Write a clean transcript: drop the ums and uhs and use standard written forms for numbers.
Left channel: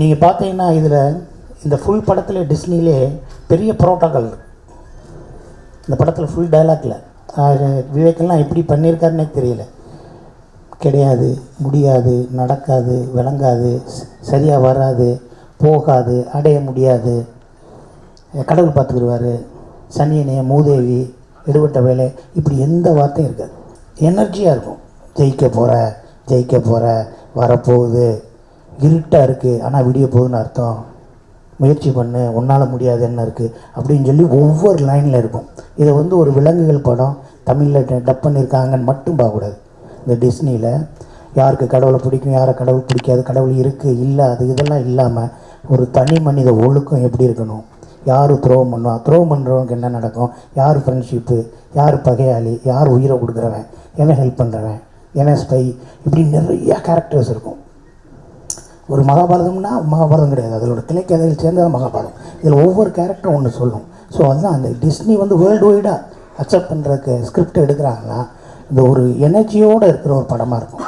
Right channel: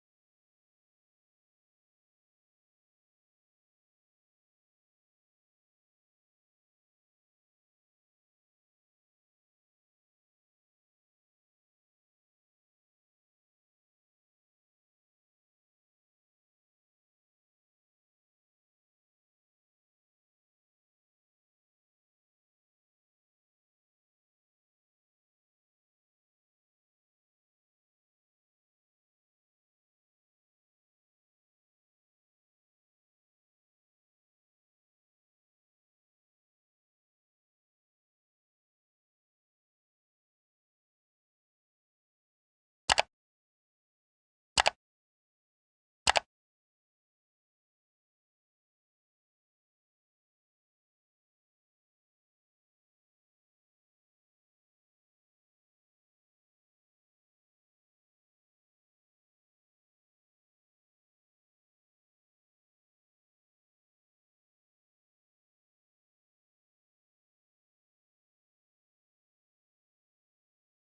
நீங்கள் பார்த்தீங்கன்னா இதில் இந்த ஃபுல் படத்தில் டிஸ்னிலே பெரிய புரோட்டோக்கால் இந்த படத்தில் ஃபுல் டைலாக்ல விவேக்கெல்லாம் எப்படி பண்ணியிருக்காருன்னே தெரியல. கிடையாது, முடியாது, நடக்காது, விளங்காது, சரியாக வராது, போகாது, அடைய முடியாது, கடவுள் பார்த்துக்கிடுவார், சனியனைய மூதேவி, எடுபட்ட வேலை, இப்படி எந்த வார்த்தையும் இருக்காது. எனர்ஜியாக இருக்கும். ஜெயிக்க போகிற வரப்போகுது, இருட்டாக இருக்குது ஆனால் விடிய போகுதுன்னு அர்த்தம், முயற்சி பண்ணு, உன்னால் முடியாது என்ன இருக்குது அப்படின்னு சொல்லி ஒவ்வொரு லைனில் இருக்கும். இதை ஒரு விலங்குகள் படம் தமிழில் டப் பண்ணியிருக்காங்கன்னு மட்டும் பார்க்கக்கூடாது. இந்த டிஸ்னியில் யாருக்கு கடவுளை பிடிக்கும், யாரை கடவுள் பிடிக்காது, கடவுள் இருக்குது இல்லை அது இதெல்லாம் இல்லாமல் ஒரு தனி மனித ஒழுக்கம் எப்படி இருக்கணும், யார் துரோகம் பண்ணுவான், துரோகம் பண்ணுறவனுக்கு என்ன நடக்கும், யார் ஃப்ரெண்ட்ஷிப்பு, யார் பகையாளி, யார் உயிரை கொடுக்குறவன், எவன் ஹெல்ப் பண்ணுறவன், எவன் ஸ்பை, இப்படி நிறையா கேரக்டர்ஸ் இருக்கும். ஒரு மகாபாரதம்னா மகாபாரதம் கிடையாது, அதோட கிளைக்கதையில் சேர்ந்தது மகாபாரதம். இதில் ஒவ்வொரு கேரக்டரும் ஒன்று சொல்லும். ஸோ அதுதான் அந்த டிஸ்னி வேர்ல்டு வைடாக அக்செப்ட் பண்ணுறதுக்கு ஸ்கிரிப்ட் எடுக்கிறாங்கன்னா இந்த ஒரு எனர்ஜியோடு இருக்கிற ஒரு படமாக இருக்கும்.